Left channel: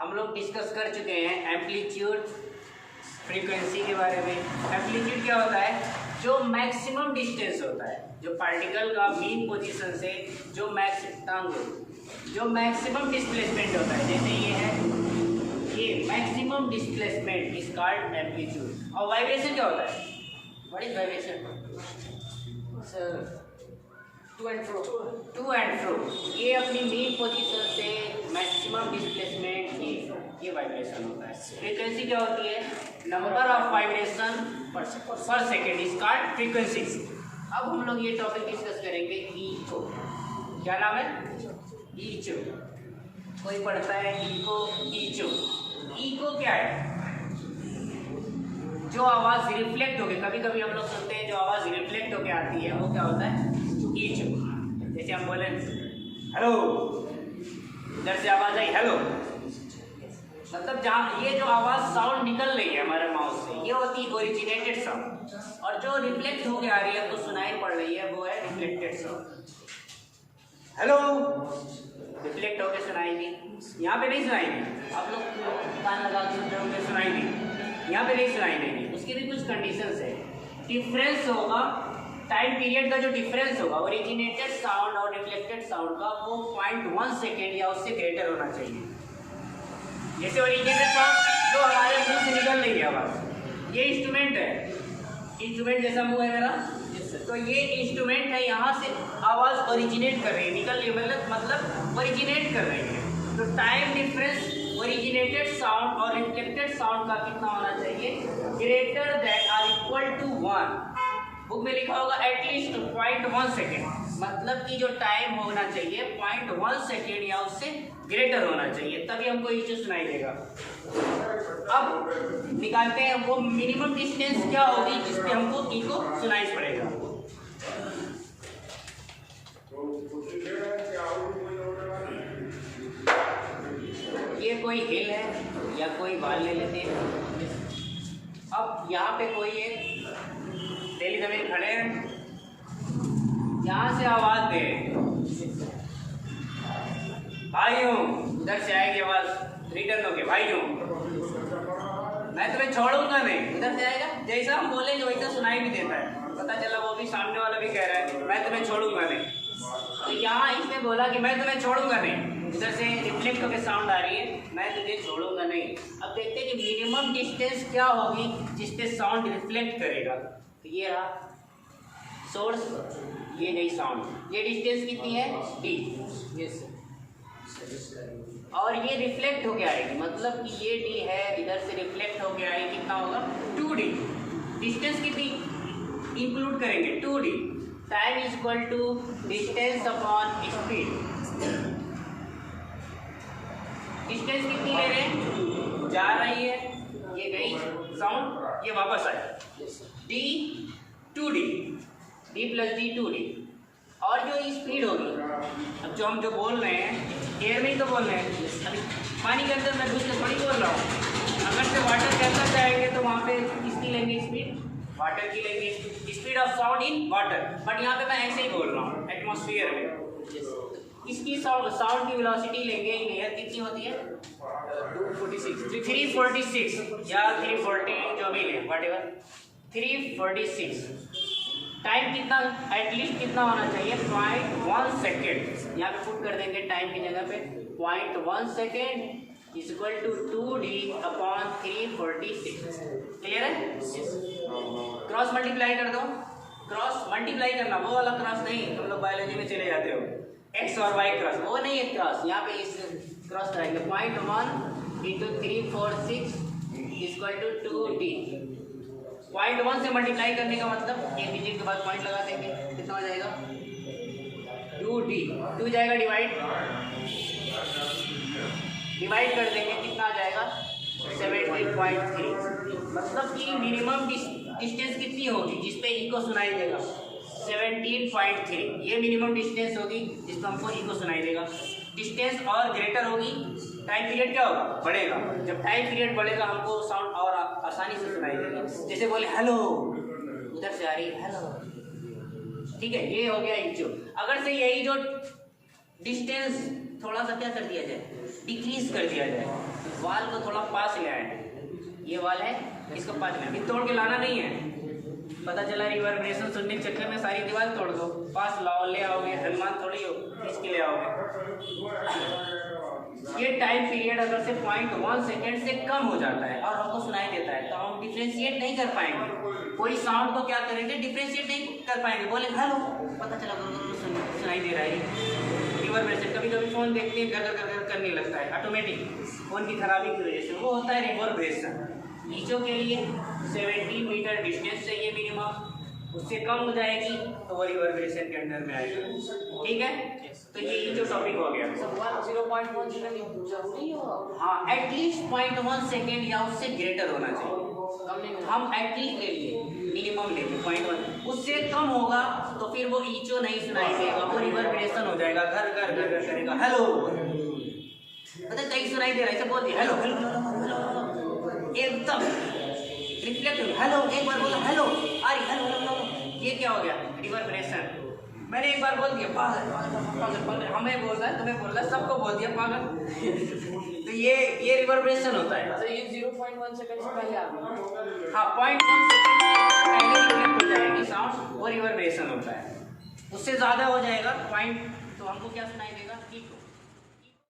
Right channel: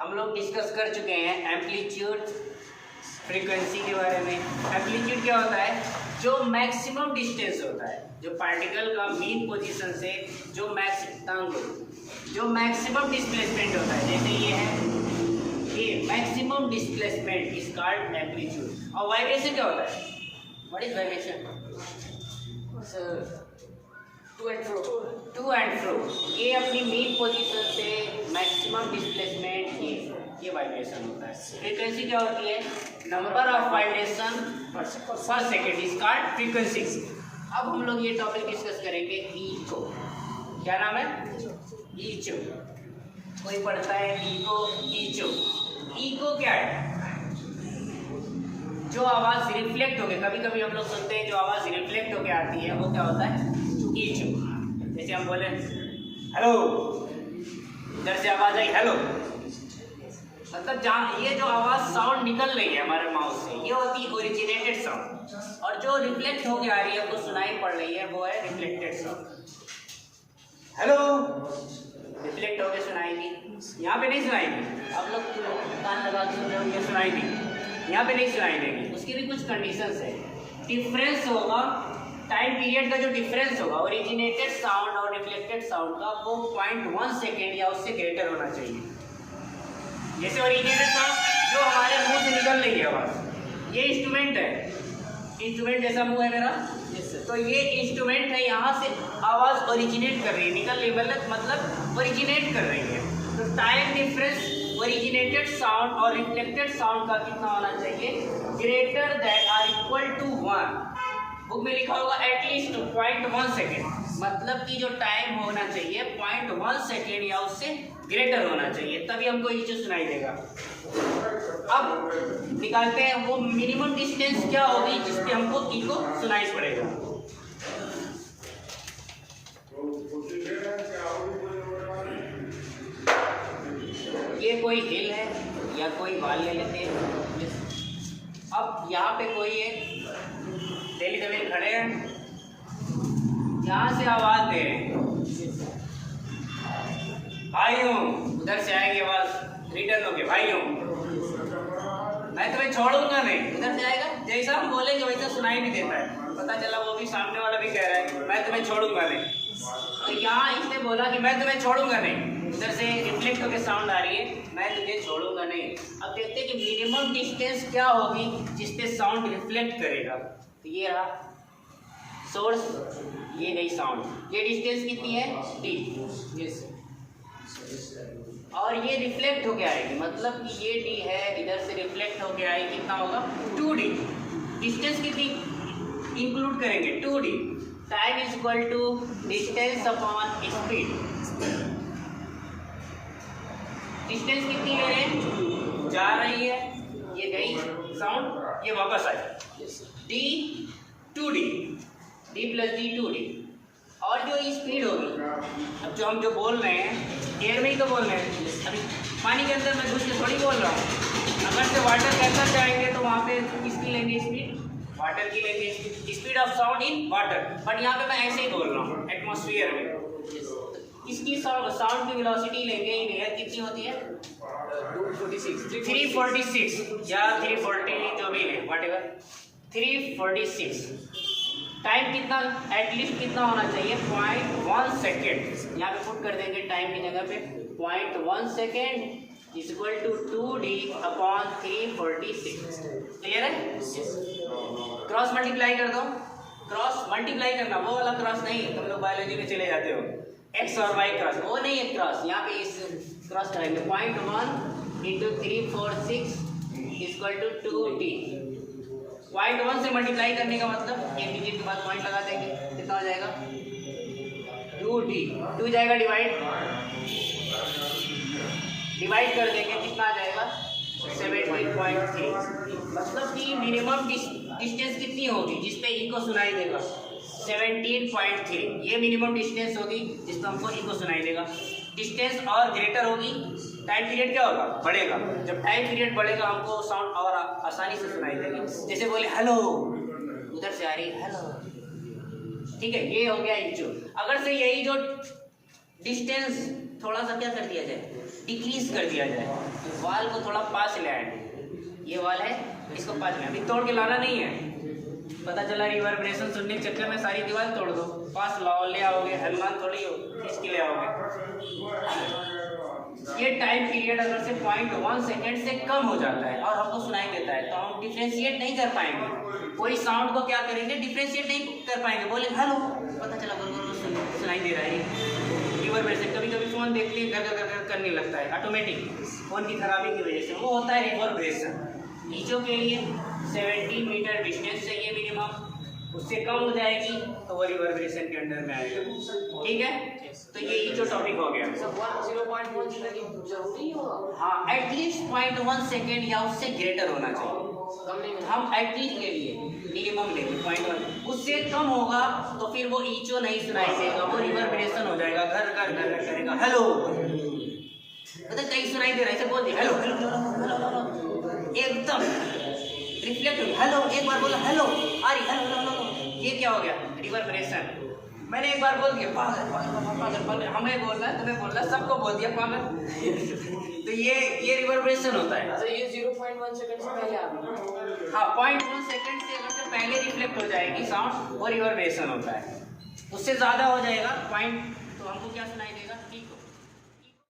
हम लोग डिस्कस कर चुके हैं एम्पलीट्यूड फ्रीक्वेंसी के बारे में। एम्पलीट्यूड क्या होता है? जो मैक्सिमम डिस्टेंस होता है, जो पार्टिकल का मीन पोजीशन से जो मैक्सिमम डिस्प्लेसमेंट होता है, जैसे ये है, ये maximum displacement is called amplitude. और वाइब्रेशन क्या होता है? What is vibration? To and fro. ये अपनी मीन पोजीशन से मैक्सिमम डिस्प्लेसमेंट, ये वाइब्रेशन होता है। फ्रीक्वेंसी क्या होती है? Number of vibration per second is called frequency. अब हम लोग ये टॉपिक डिस्कस करेंगे इको। क्या नाम है? इको। कोई पढ़ता है इको? इको क्या है? जो आवाज़ रिफ्लेक्ट होके, कभी कभी हम लोग सुनते हैं जो आवाज़ रिफ्लेक्ट होके आती है, वो क्या होता है? इको। जैसे हम बोले हेलो, इधर से आवाज़ आई हेलो, मतलब जहाँ ये जो आवाज़ साउंड निकल रही है हमारे माउथ से, ये होती है ओरिजिनेटेड साउंड। और जो रिफ्लेक्ट होके आ रही है, आपको सुनाई पड़ रही है, वो है रिफ्लेक्टेड साउंड। हेलो रिफ्लेक्ट होके सुनाएगी, यहाँ पे नहीं सुनाएगी। आप लोग कान लगा के सुन रहे होंगे, सुनाएगी, यहाँ पे नहीं सुनाई देगी। उसकी भी कुछ कंडीशंस है। डिफरेंस होगा, टाइम पीरियड का जो डिफरेंस होगा ओरिजिनेटेड साउंड और रिफ्लेक्टेड साउंड का, वो 0.1 सेकेंड या उससे ग्रेटर होना चाहिए। जैसे ओरिजिनेटेड साउंड जो हमारे मुंह से निकल रही है आवाज़, ये इंस्ट्रूमेंट है, इंस्ट्रूमेंट जैसा मुंह है मेरा, तो ये इंस्ट्रूमेंट है, यहाँ से आवाज़ ओरिजिनेट कर रही है, निकल रही है, मतलब ओरिजिनेट कर रही है। तो टाइम डिफरेंस ओरिजिनेटेड साउंड और रिफ्लेक्टेड साउंड का कितना होना चाहिए? Greater than or equal to 1। Book में लिखा होगा एटलीस्ट 0.1 सेकेंड, मतलब कि जो टाइम होना चाहिए 0.1 सेकेंड या उससे ग्रेटर होना चाहिए, तभी हमको इको सुनाई देगा। अब निकालते हैं वो मिनिमम डिस्टेंस क्या होगी जिससे हमको इको सुनाई पड़ेगा। ये कोई हिल है या कोई वाल ले लेते हैं। अब यहाँ पे कोई एक दिल्ली जमीन खड़े हैं, यहाँ से आवाज़ दे भाइयों, उधर से आएगी आवाज़ रिटर्न होके भाइयों, मैं तुम्हें छोड़ूंगा नहीं। उधर से आएगा, जैसा हम बोलेंगे वैसा सुनाई नहीं देता है, पता चला वो भी सामने वाला भी कह रहा है मैं तुम्हें छोड़ूंगा नहीं। तो यहाँ इसने बोला कि मैं तुम्हें छोड़ूंगा नहीं, उधर से रिफ्लेक्ट होकर साउंड आ रही है मैं तुझे छोड़ूंगा नहीं। अब देखते हैं कि मिनिमम डिस्टेंस क्या होगी जिसपे साउंड रिफ्लेक्ट करेगा। तो ये रहा सोर्स, ये गई साउंड, ये डिस्टेंस कितनी है? डी। यस, और ये रिफ्लेक्ट होके आएगी, मतलब कि ये डी है, इधर से रिफ्लेक्ट होके आएगी, कितना होगा? 2D। डिस्टेंस कितनी इंक्लूड करेंगे? 2D। Time is equal to distance upon speed. Distance कितनी ले रहे हैं? जा रही है, ये गई साउंड, ये वापस आई, D 2D, D plus D 2D। और जो स्पीड होगी, अब जो हम जो बोल रहे हैं एयर में ही तो बोल रहे हैं, अभी पानी के अंदर मैं घुस के थोड़ी बोल रहा हूँ। अगर से वाटर के अंदर जाएंगे तो वहाँ पे किसकी लेंगे स्पीड? वाटर की लेंगे, speed of sound in water. But यहाँ पे मैं ऐसे ही बोल रहा हूँ एटमॉस्फेयर में, इसकी साउंड की वेलोसिटी लेंगे इन एयर, कितनी होती है? 346 या 340, जो भी लें वट एवर, 346। टाइम कितना एटलीस्ट कितना होना चाहिए? 0.1 सेकेंड। यहाँ पे पुट कर देंगे टाइम की जगह पे 0.1 second is equal to 2D upon 346। Clear है? क्रॉस मल्टीप्लाई कर दो, क्रॉस मल्टीप्लाई करना, वो वाला क्रॉस नहीं, हम लोग बायोलॉजी में चले जाते हो, एक्स और वाई क्रॉस, वो नहीं है क्रॉस। यहाँ पे इस क्रॉस करेंगे 0.1 इंटू 346 इक्वल टू 2D। 0.1 से मल्टीप्लाई करने का मतलब एक डिजिट के बाद पॉइंट लगा देंगे, कितना हो जाएगा? 2D। 2 जाएगा डिवाइड कर देंगे, कितना आ जाएगा? 17.3। मतलब कि मिनिमम डिस्टेंस कितनी होगी जिसपे इको सुनाई देगा? 17.3। ये मिनिमम डिस्टेंस होगी जिसको हमको इको सुनाई देगा। डिस्टेंस और ग्रेटर होगी, टाइम पीरियड क्या होगा? बढ़ेगा। जब टाइम पीरियड बढ़ेगा हमको साउंड और आसानी से सुनाई देगा। जैसे बोले हेलो, उधर से आ रही है हेलो, ठीक है, ये हो गया इंचो। अगर से यही जो डिस्टेंस थोड़ा सा क्या कर दिया जाए, डिक्रीज कर दिया जाए, वाल को थोड़ा पास ले आए। ये वाल है, इसको पास में अभी तोड़ के लाना नहीं है। पता चला रिवर्बरेशन सुनने के चक्कर में सारी दीवार तोड़ दो, पास लाओ, ले आओगे, हनुमान थोड़ी हो इसके ले आओगे। ये टाइम पीरियड अगर से 0.1 सेकेंड से कम हो जाता है और हमको सुनाई देता है तो हम डिफ्रेंशिएट नहीं कर पाएंगे। कोई साउंड को क्या करेंगे, डिफ्रेंशिएट नहीं कर पाएंगे। बोले हेलो, पता चला सुनाई दे रहा है रिवर्बरेशन। कभी कभी फोन देखते हैं घर घर करने लगता है ऑटोमेटिक, फोन की खराबी की वजह से, वो होता है रिवर्बरेशन। नीचों के लिए 70 मीटर डिस्टेंस चाहिए मिनिमम, उससे कम हो जाएगी तो वो रिवर्बरेशन के अंडर में आएगा। ठीक है, तो ये जो टॉपिक हो गया। 0.1 सेकंड जरूरी होगा। हाँ, एटलीस्ट 0.1 सेकेंड या उससे ग्रेटर होना चाहिए। हम एटलीस्ट ले लिए, मिनिमम ले लिए 0.1, उससे कम होगा तो फिर वो ईचो नहीं सुनाई देगा, वो रिवर्बरेशन हो जाएगा, घर घर घर घर करेगा। हेलो, मतलब कहीं सुनाई दे रहा है, इसे बोल दिया हेलो हेलो हेलो, एकदम रिफ्लेक्ट हो गया। हेलो, एक बार बोला हेलो, आ रही हेलो हेलो, ये क्या हो गया, रिवर्बरेशन। मैंने एक बार बोल दिया पागल पागल पागल पागल, हमें बोल रहा है, तुम्हें बोल रहा है, सबको बोल दिया पागल। तो ये रिवर्बरेशन होता है। तो ये 0.1 सेकंड से पहले आ गया। हाँ, 0.1 सेकंड से पहले रिफ्लेक्ट हो जाएगी साउंड, वो रिवर्बरेशन होता है। उससे ज़्यादा हो जाएगा पॉइंट तो हमको क्या सुनाई देगा, ठीक हो।